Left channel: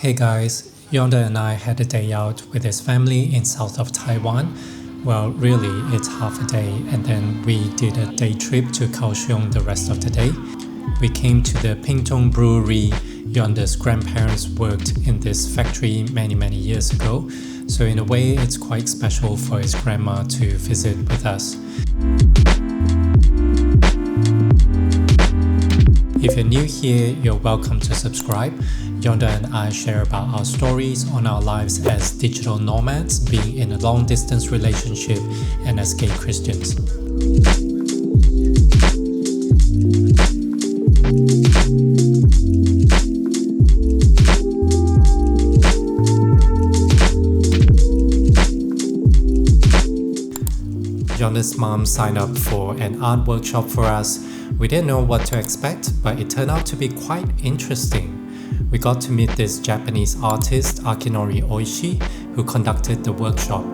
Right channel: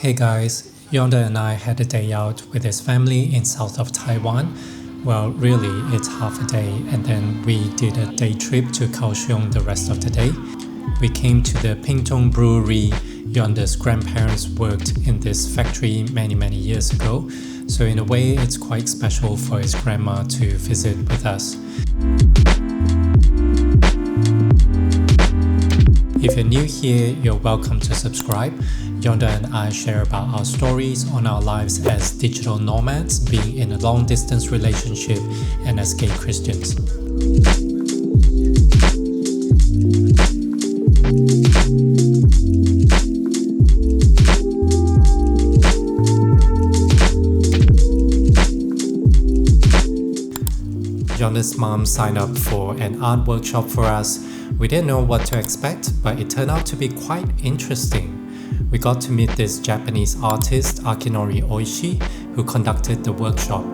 Hey guys, Yonder and I had a day out with his family in south of Taiwan. Well, really, it's half a day, and then we did a day trip to Kaohsiung the rest of the day. We came to the Pingtung Brewery. Yonder's grandparents worked in this factory many years ago, so in a way it's quite special for his grandma to visit with us. If you're new here, you're welcome to subscribe. Yonder and I share about our stories on our lives as digital nomads, being in a long-distance relationship, and as gay Christians. Yonder's mom signed up for an art workshop for us. We didn't know what to expect, but it turned out to be quite interesting. We got to meet this Japanese artist, Akinori Oishi, who conducted the workshop.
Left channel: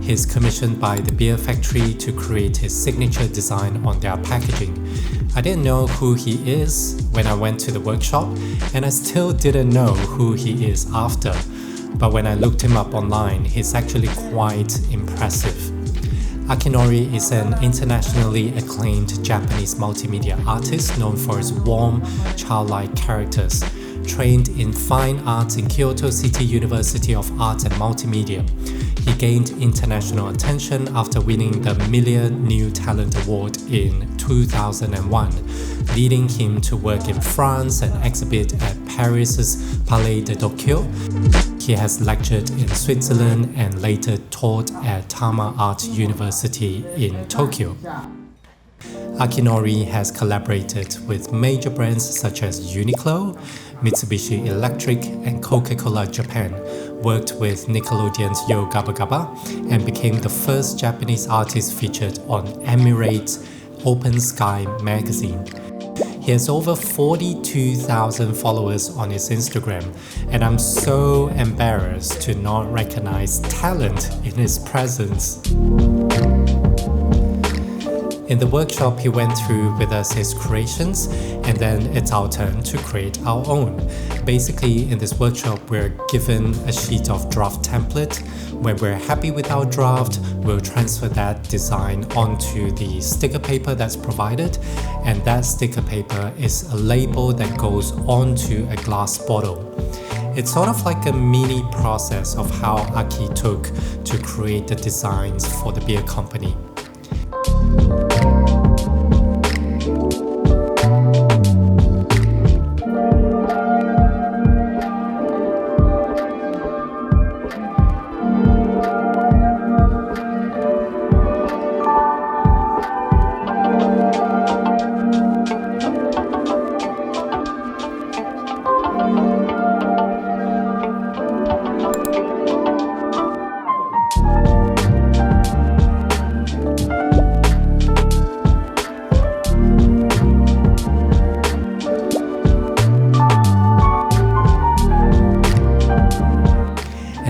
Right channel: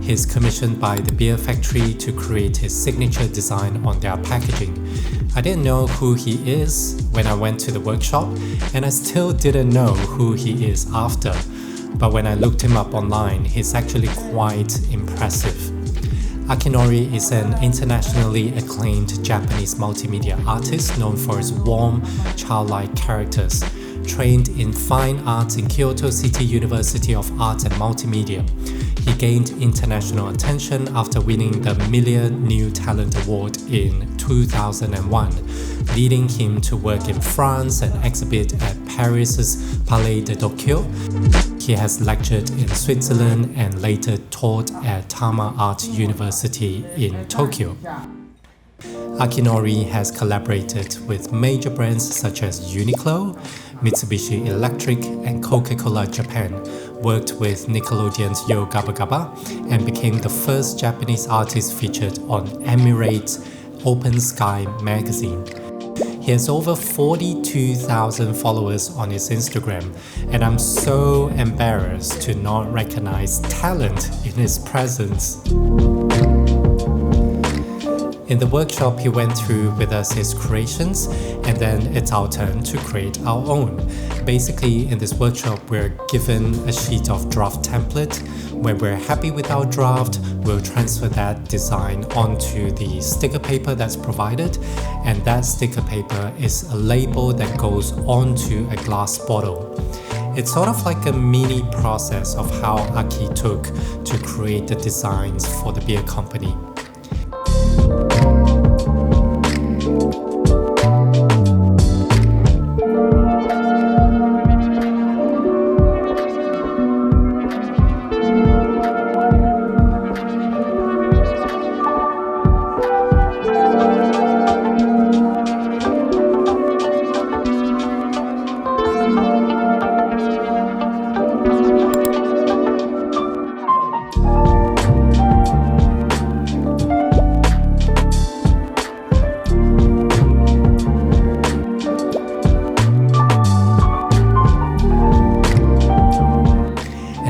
He's commissioned by the beer factory to create his signature design on their packaging. I didn't know who he is when I went to the workshop, and I still didn't know who he is after. But when I looked him up online, he's actually quite impressive. Akinori is an internationally acclaimed Japanese multimedia artist known for his warm, childlike characters. Trained in fine arts in Kyoto City University of Arts and Multimedia, he gained international attention after winning the Million New Talent Award in 2001, leading him to work in France and exhibit at Paris's Palais de Tokyo. He has lectured in Switzerland and later taught at Tama Art University in Tokyo. Akinori has collaborated with major brands such as Uniqlo, Mitsubishi Electric, and Coca-Cola Japan, worked with Nickelodeon's Yo Gabba Gabba, and became the first Japanese artist featured on Emirates' Open Sky magazine. He has over 42,000 followers on his Instagram, and I'm so embarrassed to not recognize talent in his presence. In the workshop, he went through with us his creations, and then it's our turn to create our own. Basically, in this workshop, we're given a sheet of draft template. When we're happy with our draft, we'll transfer that design onto the sticker paper that's provided, and that sticker paper is a label that goes onto a glass bottle. It's sort of like a mini process of how Aki took to create the designs for the beer company.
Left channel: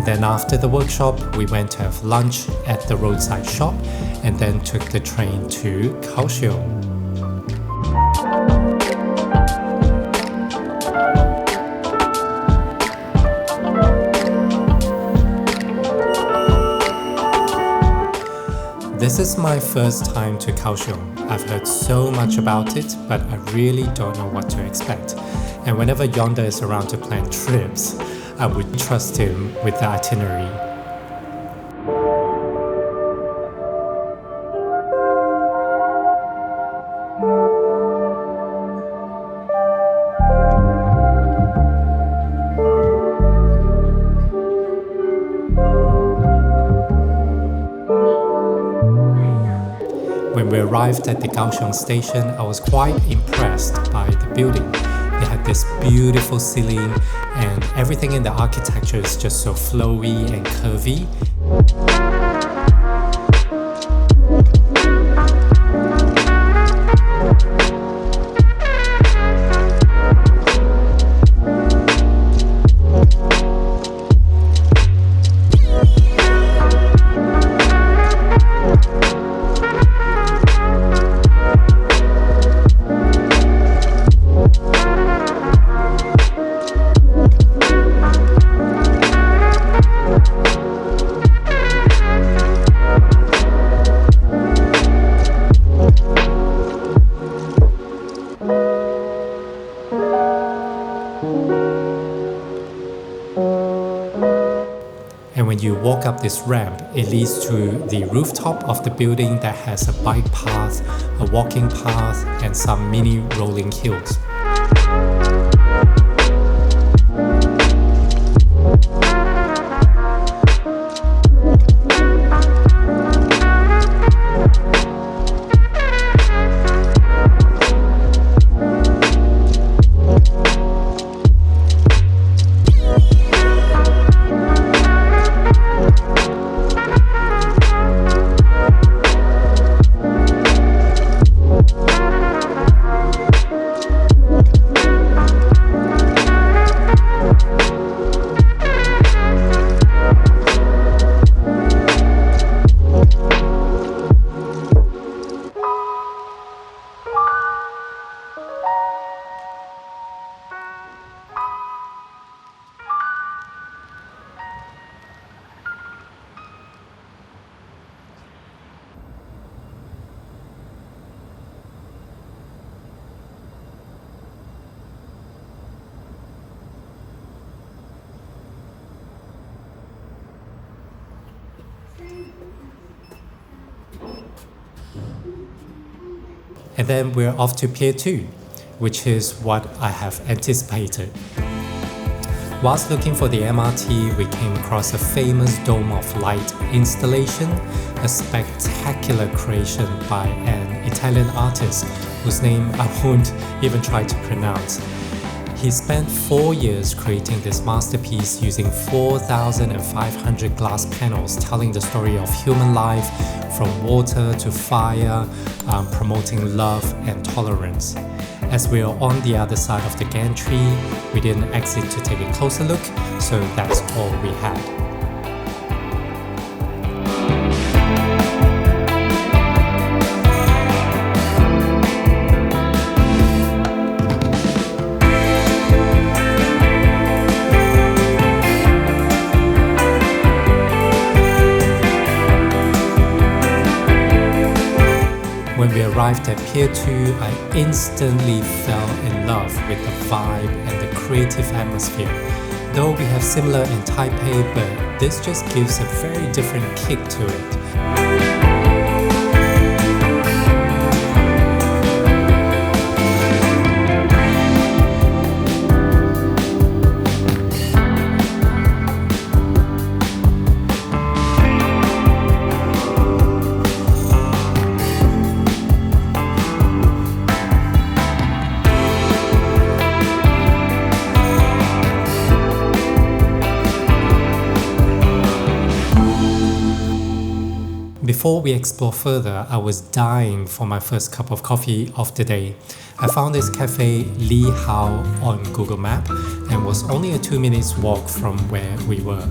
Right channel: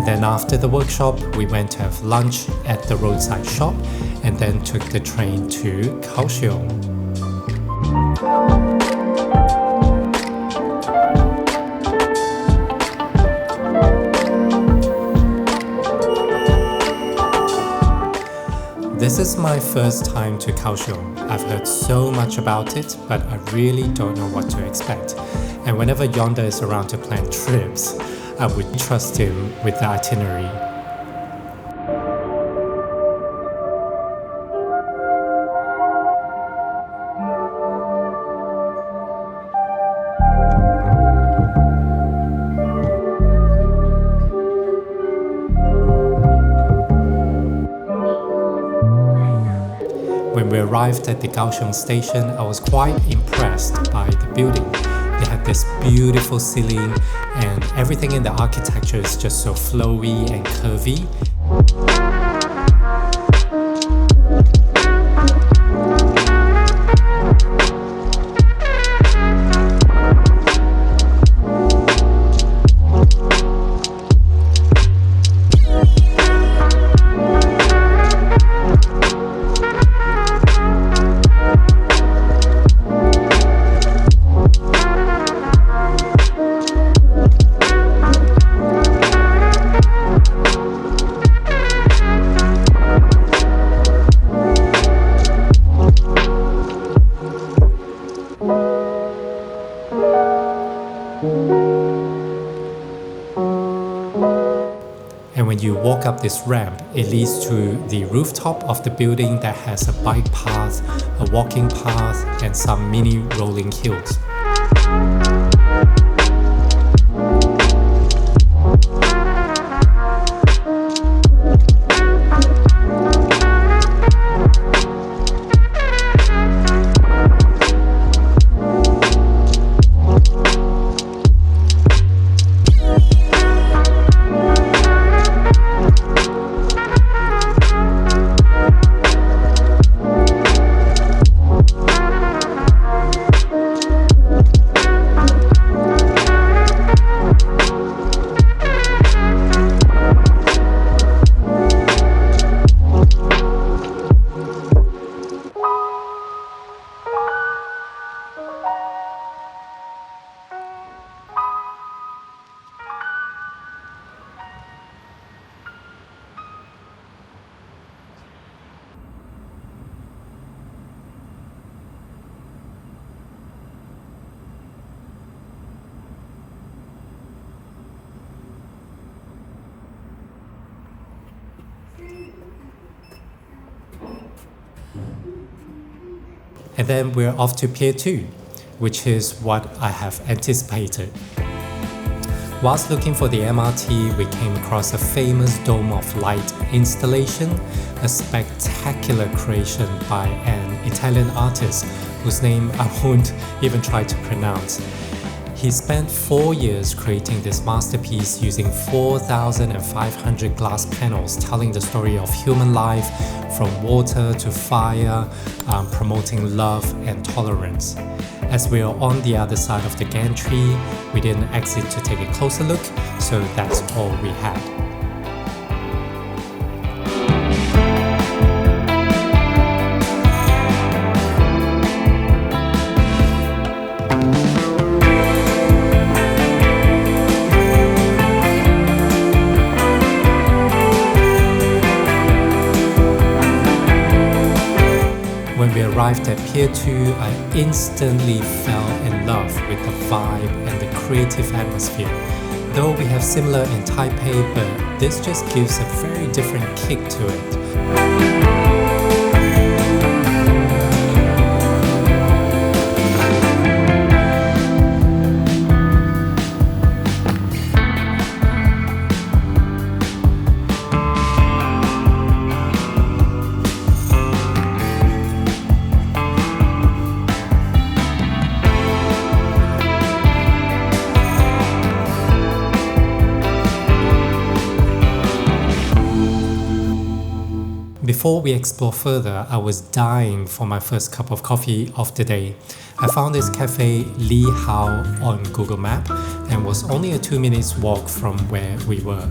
Then after the workshop, we went to have lunch at the roadside shop and then took the train to Kaohsiung. This is my first time to Kaohsiung. I've heard so much about it, but I really don't know what to expect. And whenever Yonder is around to plan trips, I would trust him with the itinerary. When we arrived at the Kaohsiung station, I was quite impressed by the building. They had this beautiful ceiling, and everything in the architecture is just so flowy and curvy. you walk up this ramp, it leads to the rooftop of the building that has a bike path, a walking path, and some mini rolling hills. And then we're off to Pier 2, which is what I have anticipated. Whilst looking for the MRT, we came across a famous Dome of Light installation, a spectacular creation by an Italian artist whose name I won't even try to pronounce. He spent 4 years creating this masterpiece using 4,500 glass panels telling the story of human life from water to fire, promoting love and tolerance. As we are on the other side of the gantry, we didn't exit to take a closer look, so that's all we had. When we arrived at Pier 2, I instantly fell in love with the vibe and the creative atmosphere. Though we have similar in Taipei, but this just gives a very different kick to it. Before we explore further, I was dying for my first cup of coffee of the day. I found this cafe Li Hao on Google Maps and was only a 2 minutes walk from where we were.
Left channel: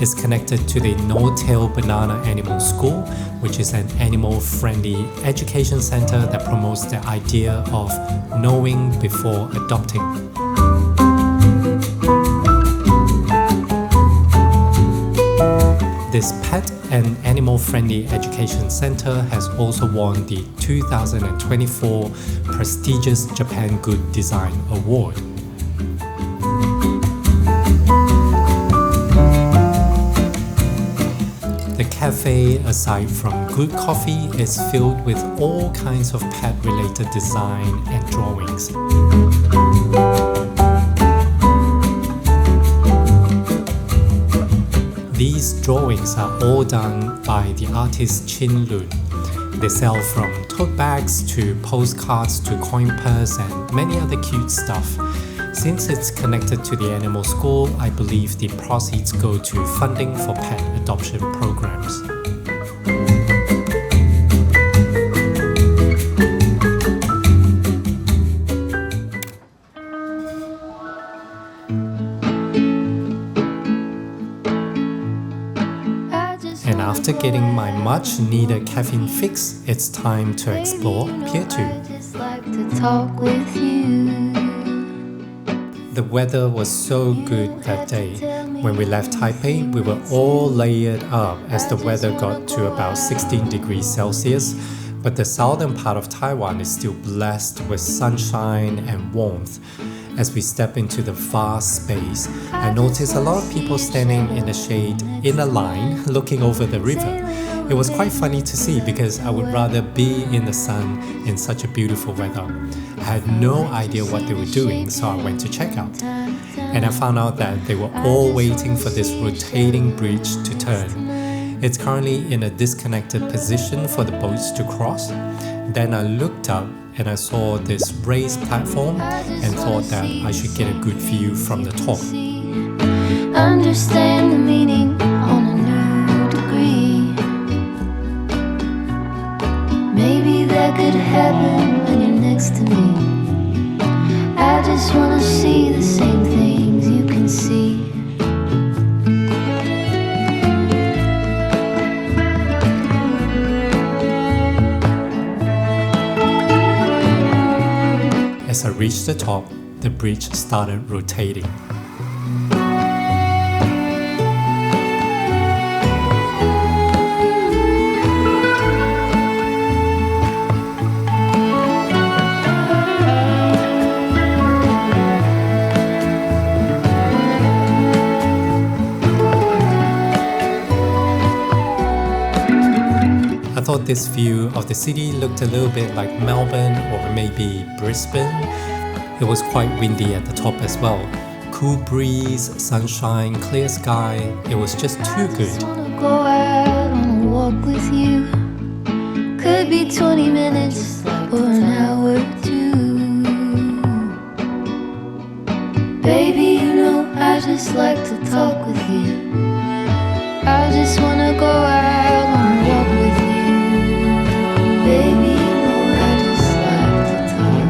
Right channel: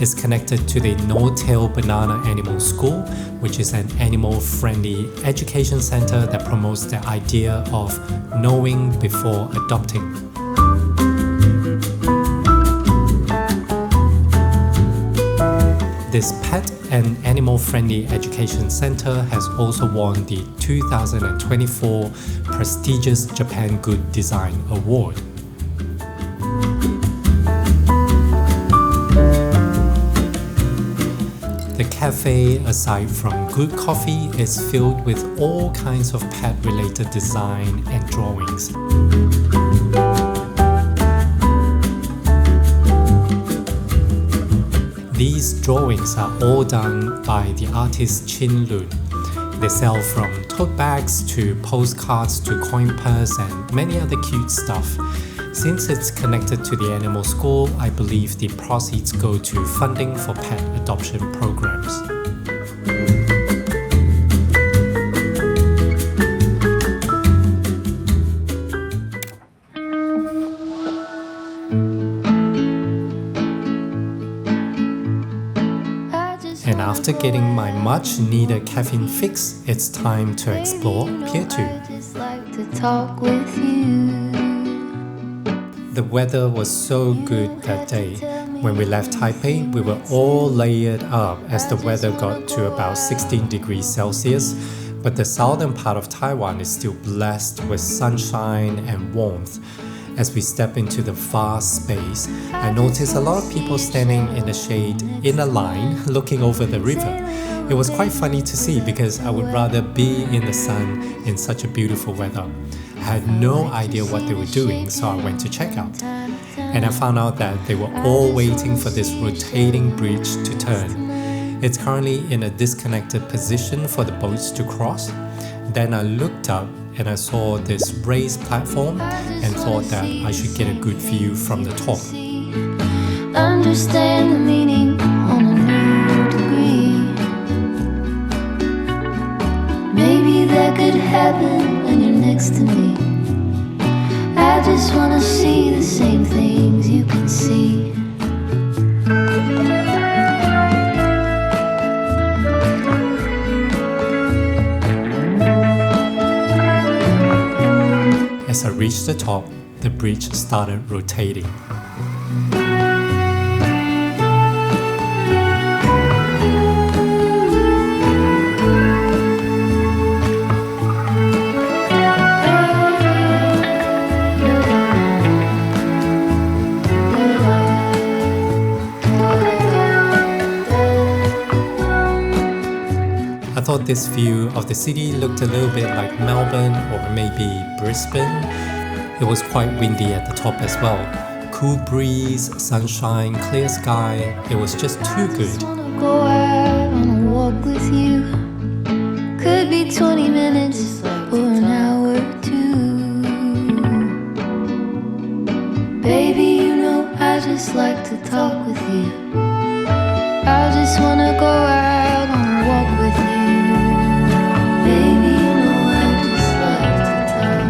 It's connected to the No-Tail Banana Animal School, which is an animal-friendly education center that promotes the idea of knowing before adopting. This pet and animal-friendly education center has also won the 2024 prestigious Japan Good Design Award. The cafe, aside from good coffee, is filled with all kinds of pet-related design and drawings. These drawings are all done by the artist Chin Lun. They sell from tote bags to postcards to coin purse and many other cute stuff. Since it's connected to the animal school, I believe the proceeds go to funding for pet adoption programs. And after getting my much needed caffeine fix, it's time to explore Pier 2. The weather was so good that day. When we left Taipei, we were all layered up as the weather got to about 16 degrees Celsius, but the southern part of Taiwan is still blessed with sunshine and warmth. As we step into the vast space, I noticed a lot of people standing in the shade in a line looking over the river. It was quite funny to see because I would rather be in the sun in such a beautiful weather. I had no idea what they were doing, so I went to check out. And I found out that they were all waiting for this rotating bridge to turn. It's currently in a disconnected position for the boats to cross. Then I looked up and I saw this raised platform and thought that I should get a good view from the top. Understand the meaning on a new degree. Maybe that could happen when you're next to me. I just wanna see the same things you can see. As I reached the top, the bridge started rotating. I thought this view of the city looked a little bit like Melbourne or maybe Brisbane. It was quite windy at the top as well. Cool breeze, sunshine, clear sky. It was just too good. I just wanna go out on a walk with you. Could be 20 minutes or an hour or two. Baby, you know I just like to talk with you. I just wanna go out on a walk with you. Baby, you know I just like to talk.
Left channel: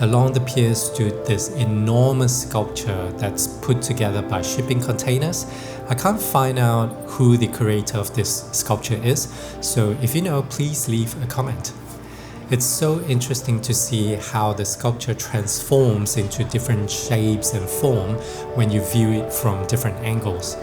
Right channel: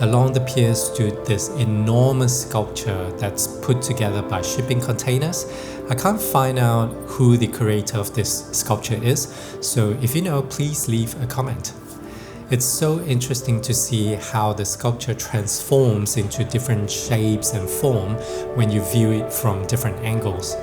Along the pier stood this enormous sculpture that's put together by shipping containers. I can't find out who the creator of this sculpture is, so if you know, please leave a comment. It's so interesting to see how the sculpture transforms into different shapes and form when you view it from different angles.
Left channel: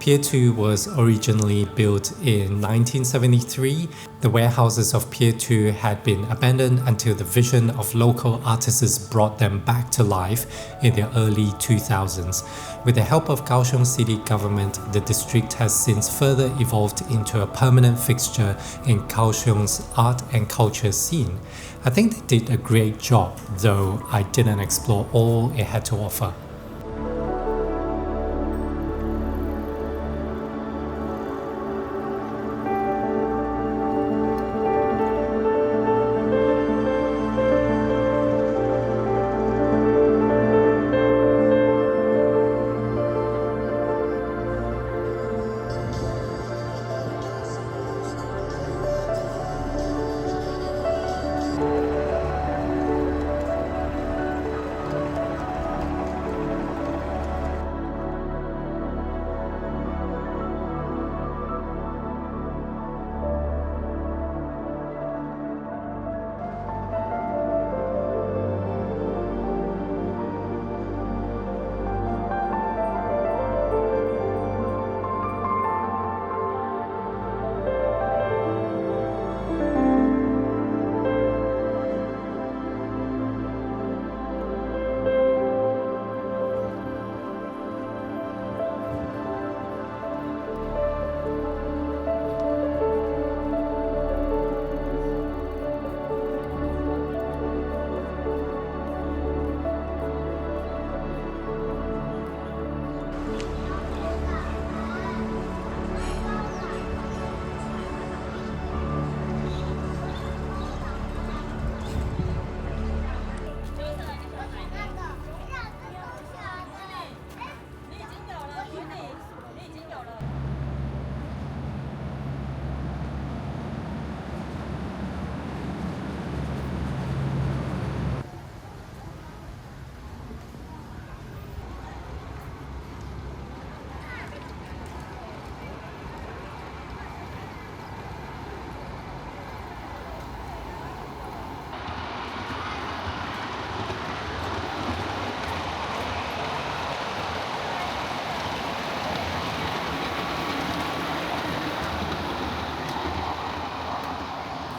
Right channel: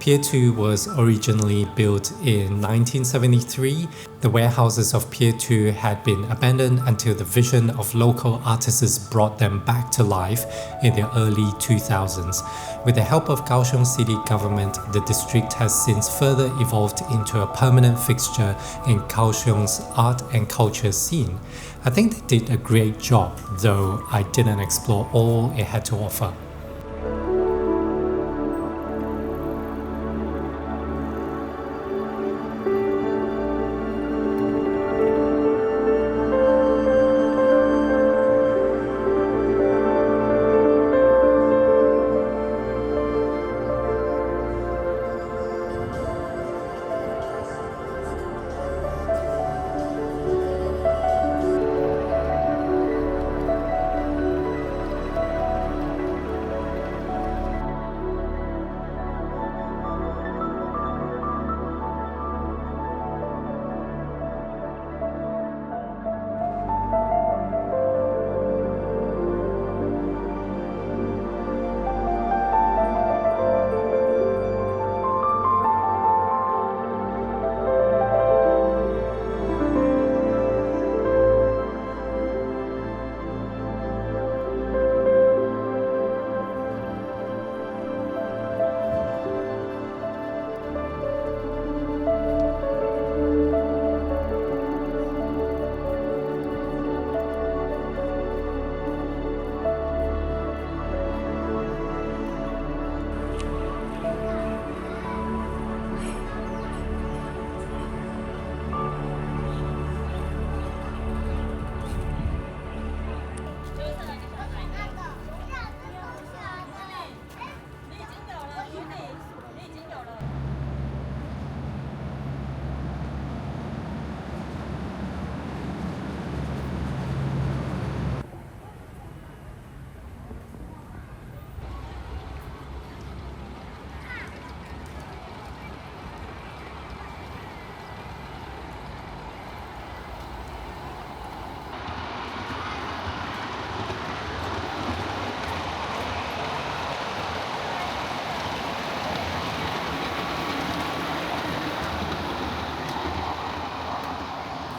Pier 2 was originally built in 1973. The warehouses of Pier 2 had been abandoned until the vision of local artists brought them back to life in the early 2000s. With the help of Kaohsiung city government, the district has since further evolved into a permanent fixture in Kaohsiung's art and culture scene. I think they did a great job, though I didn't explore all it had to offer.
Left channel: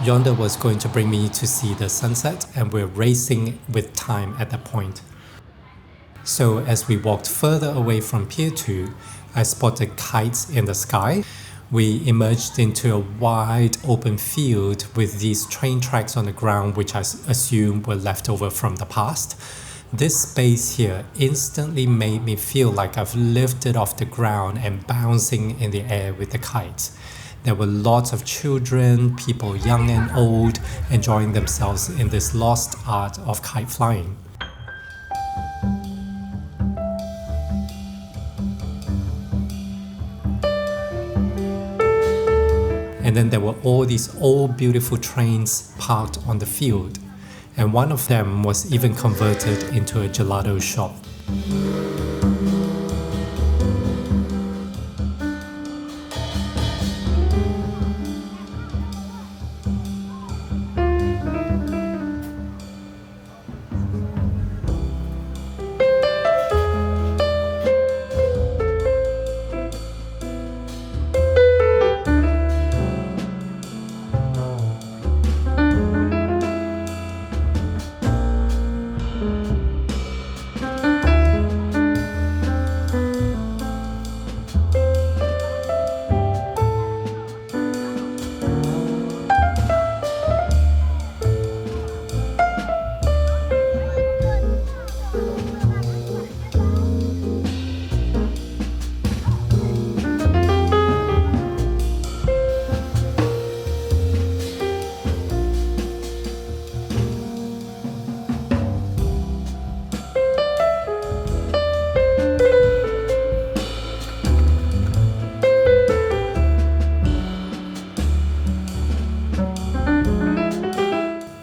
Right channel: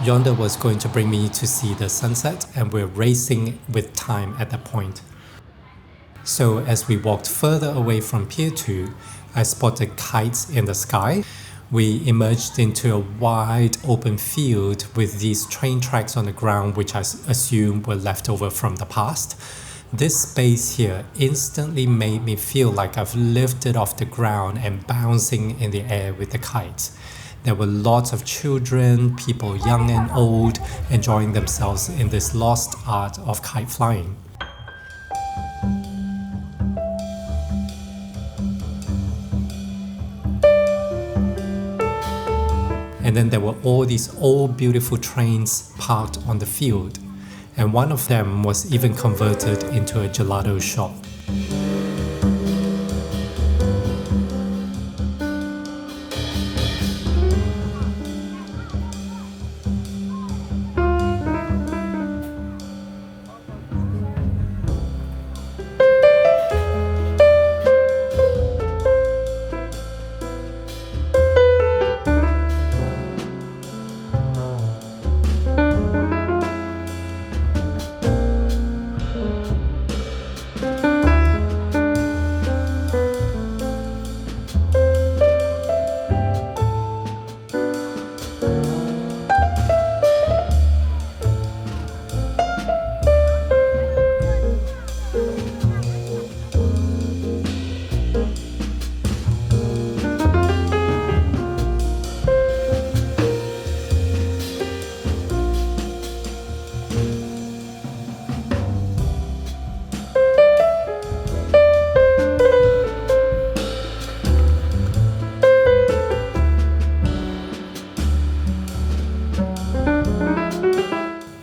Yonder was going to bring me to see the sunset, and we're racing with time at that point. So as we walked further away from Pier 2, I spotted kites in the sky. We emerged into a wide open field with these train tracks on the ground, which I assume were left over from the past. This space here instantly made me feel like I've lifted off the ground and bouncing in the air with the kites. There were lots of children, people young and old, enjoying themselves in this lost art of kite flying. And then there were all these old beautiful trains parked on the field, and one of them was even converted into a gelato shop.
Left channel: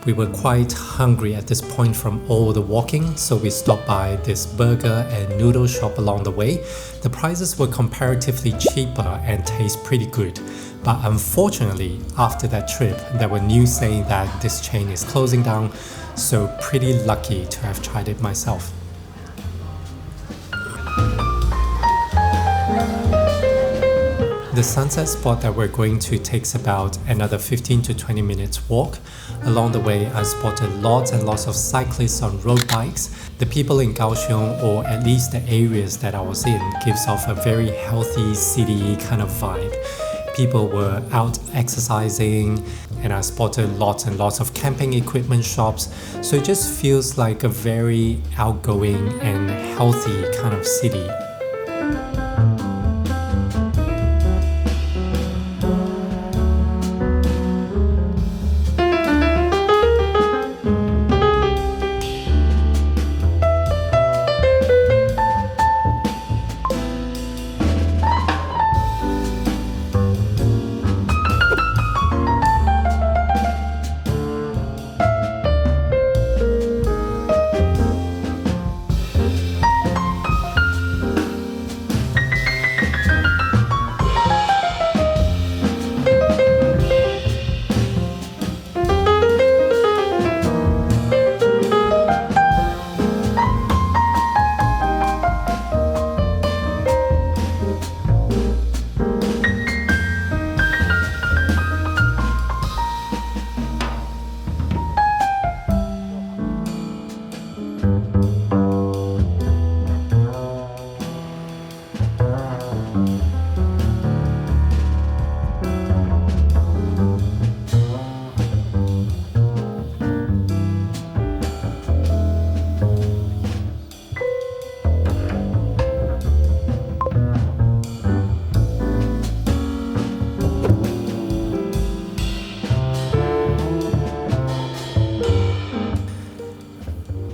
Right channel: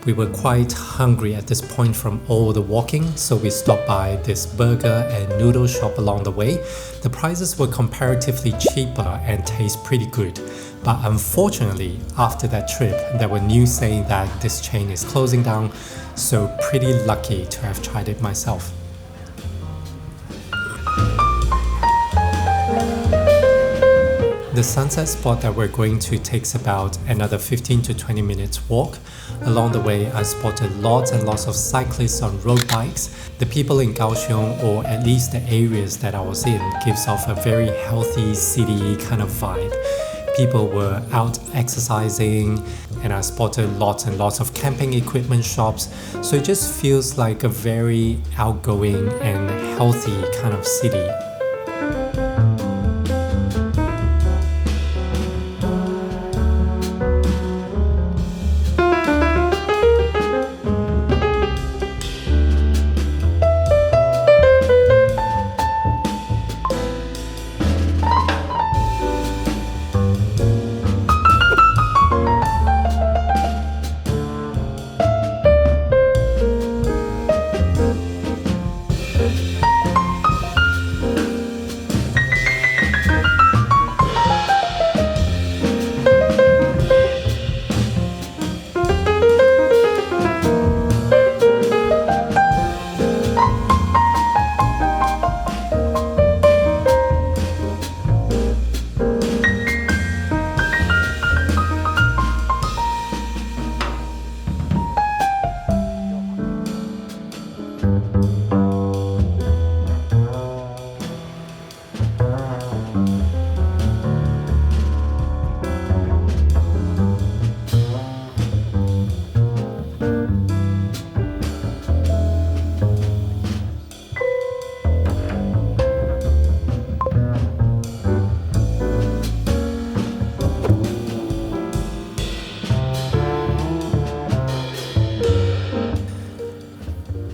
We were quite hungry at this point from all the walking, so we stopped by this burger and noodle shop along the way. The prices were comparatively cheaper and taste pretty good. But unfortunately, after that trip, there were news saying that this chain is closing down, so pretty lucky to have tried it myself. The sunset spot that we're going to takes about another 15 to 20 minutes walk. Along the way, I spotted lots and lots of cyclists on road bikes. The people in Kaohsiung, or at least the areas that I was in, gives off a very healthy city kind of vibe. People were out exercising, and I spotted lots and lots of camping equipment shops. So it just feels like a very outgoing and healthy kind of city.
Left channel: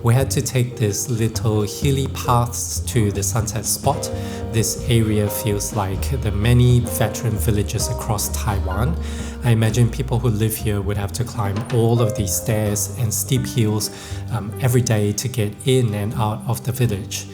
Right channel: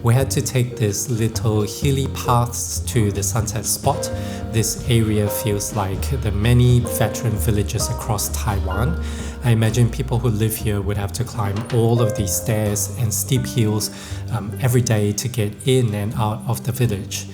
We had to take this little hilly paths to the sunset spot. This area feels like the many veteran villages across Taiwan. I imagine people who live here would have to climb all of these stairs and steep hills every day to get in and out of the village.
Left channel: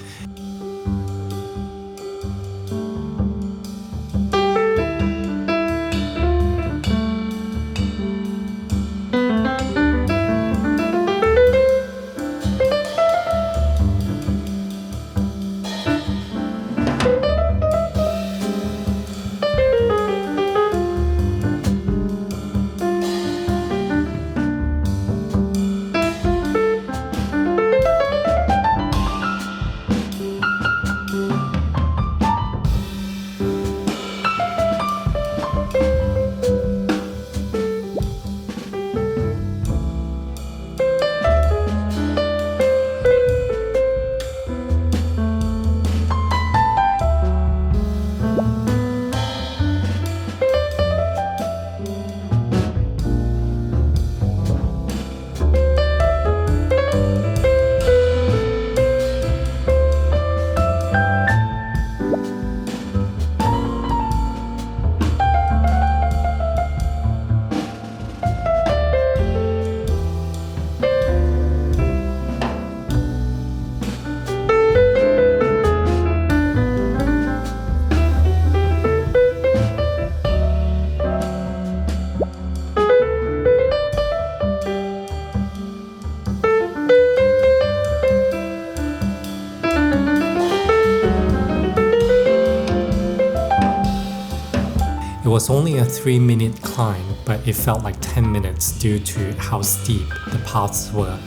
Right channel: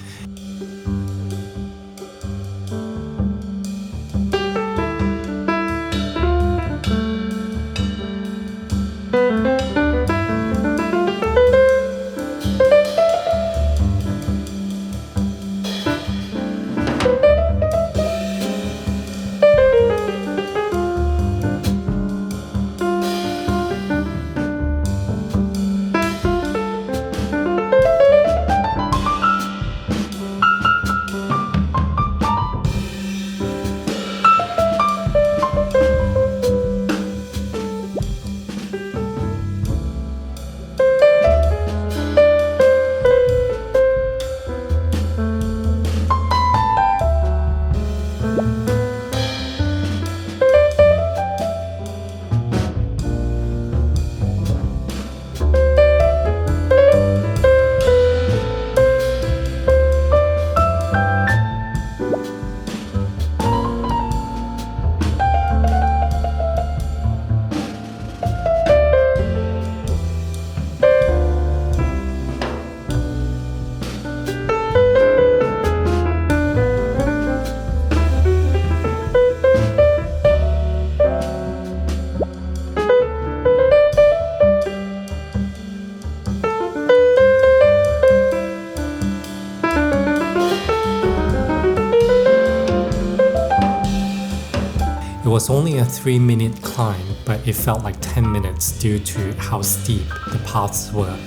It was only a 3-minute climb, but it felt like 10 minutes due to how steep the paths were.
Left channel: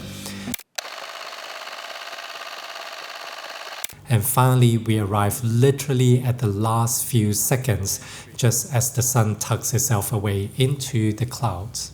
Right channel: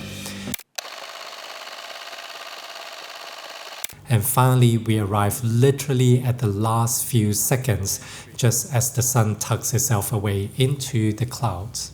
And finally, we arrived literally at the last few seconds, just as the sun tucks itself away into the clouds.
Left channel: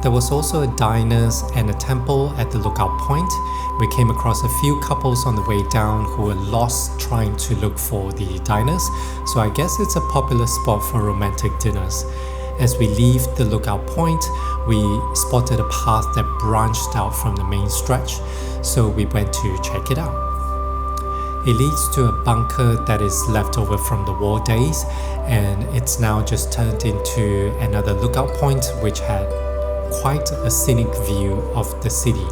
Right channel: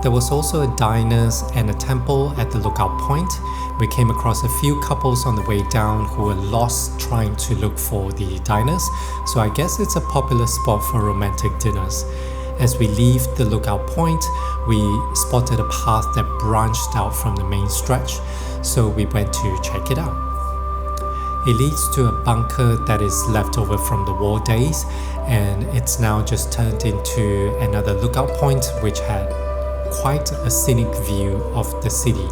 There was also a diners and a temple at the lookout point. We came across a few couples on the way down who were lost trying to look for the diners, so I guess it's a popular spot for romantic dinners. As we leave the lookout point, we spotted a path that branched out from the main stretch, so we went to check it out. It leads to a bunker that is left over from the war days, and it's now just turned into another lookout point which had quite a scenic view of the city.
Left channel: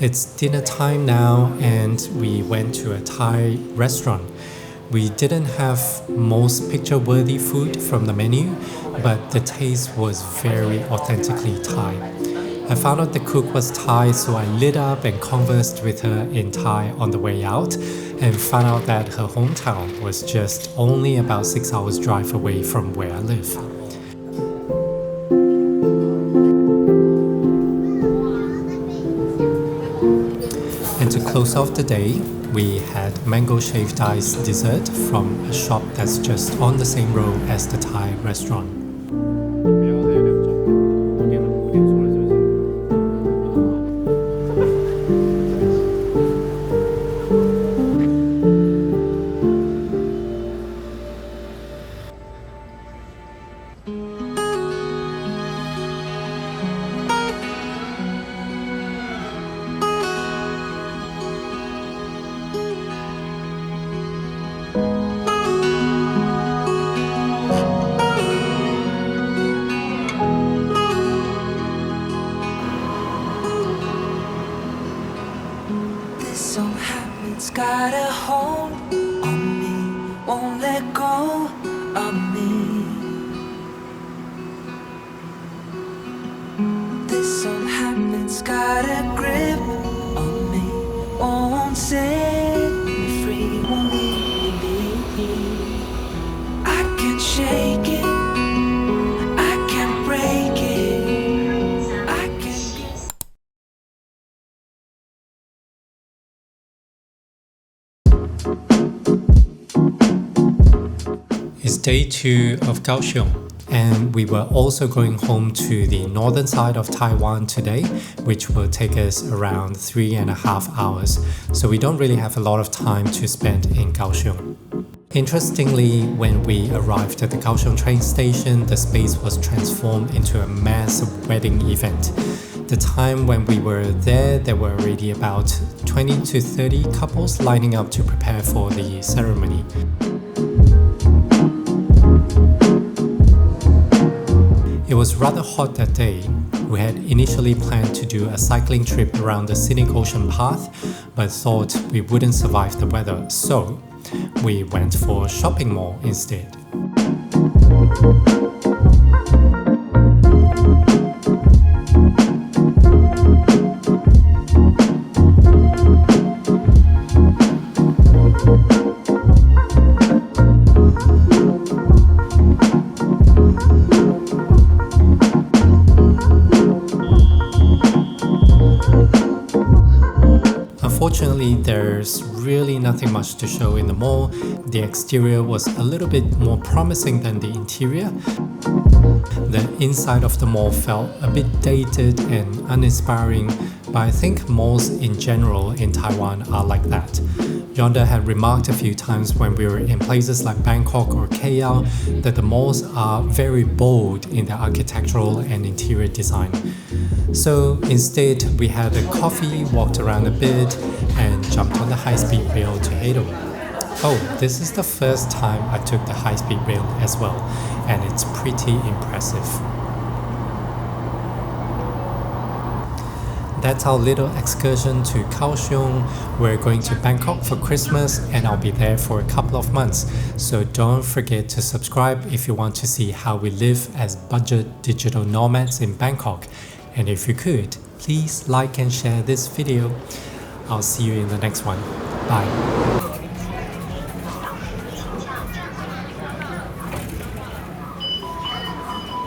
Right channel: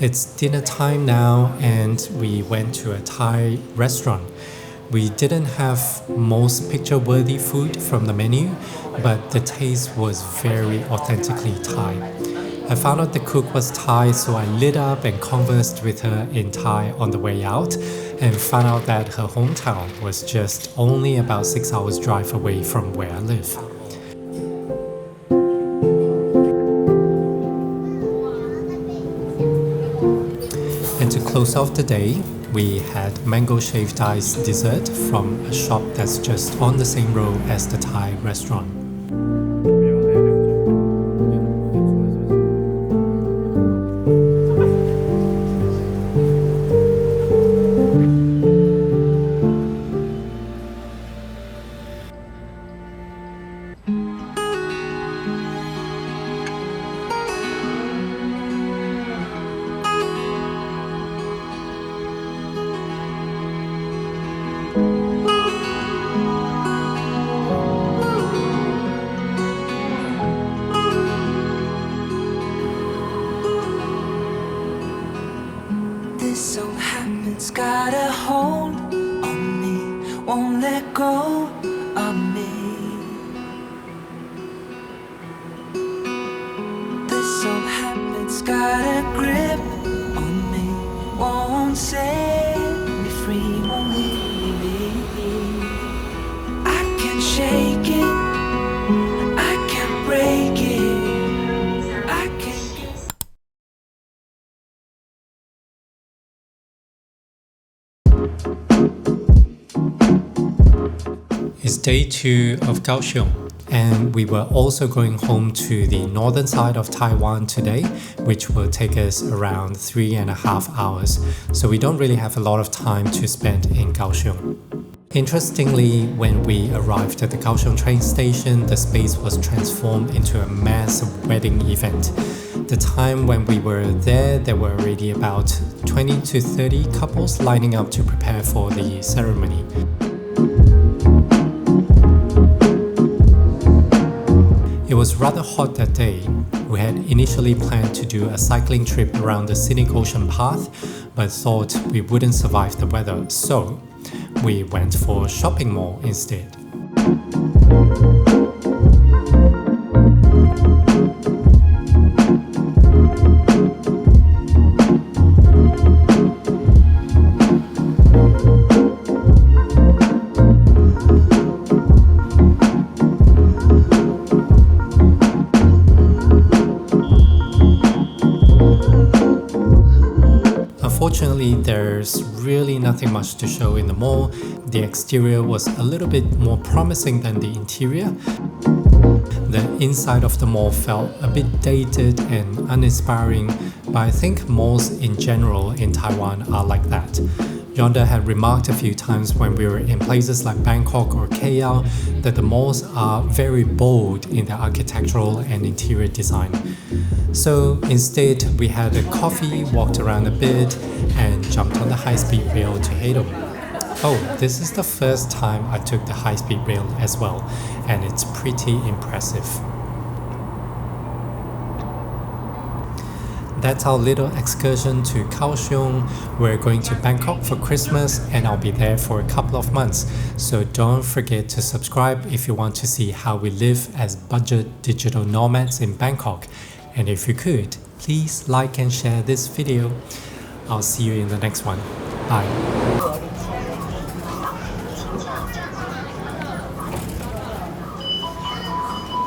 It's dinner time now, and we went to a Thai restaurant. We didn't have most picture-worthy food from the menu, but the taste was very authentically Thai. I found out the cook was Thai, so I lit up and conversed with her in Thai on the way out, and found out that her hometown was just only about 6 hours drive away from where I live. And to close off the day, we had mango shaved ice dessert from a shop that's just on the same road as the Thai restaurant. This old habit's got a hold on me, won't let go of me. This old habit's got a grip on me, won't set me free, won't leave me. I can't shake it, I can't break it, I can't get. It's day 2 of Kaohsiung, and we were also going home to the northern side of Taiwan today, which will take us around 3.5 hours, so we don't really have a lot of time to spend in Kaohsiung. Interestingly, when we arrived at the Kaohsiung train station, the space was transformed into a massive wedding event. The time when we were there were already about 20 to 30 couples lining up to prepare for the ceremony. It was rather hot that day. We had initially planned to do a cycling trip around the scenic ocean path, but thought we wouldn't survive the weather, so we went for a shopping mall instead. Unfortunately, there's really nothing much to show in the mall. The exterior was a little bit more promising than the interior. The inside of the mall felt a bit dated and uninspiring, but I think malls in general in Taiwan are like that. Yonder had remarked a few times when we were in places like Bangkok or KL that the malls are very bold in their architectural and interior design. So instead, we had a coffee, walked around a bit, and jumped on the high-speed rail to Haydom. Oh, this is the first time I took the high-speed rail as well, and it's pretty impressive. That's our little excursion to Kaohsiung. We're going to Bangkok for Christmas and I'll be there for a couple of months. So don't forget to subscribe if you want to see how we live as budget digital nomads in Bangkok. And if you could, please like and share this video. I'll see you in the next one. Bye.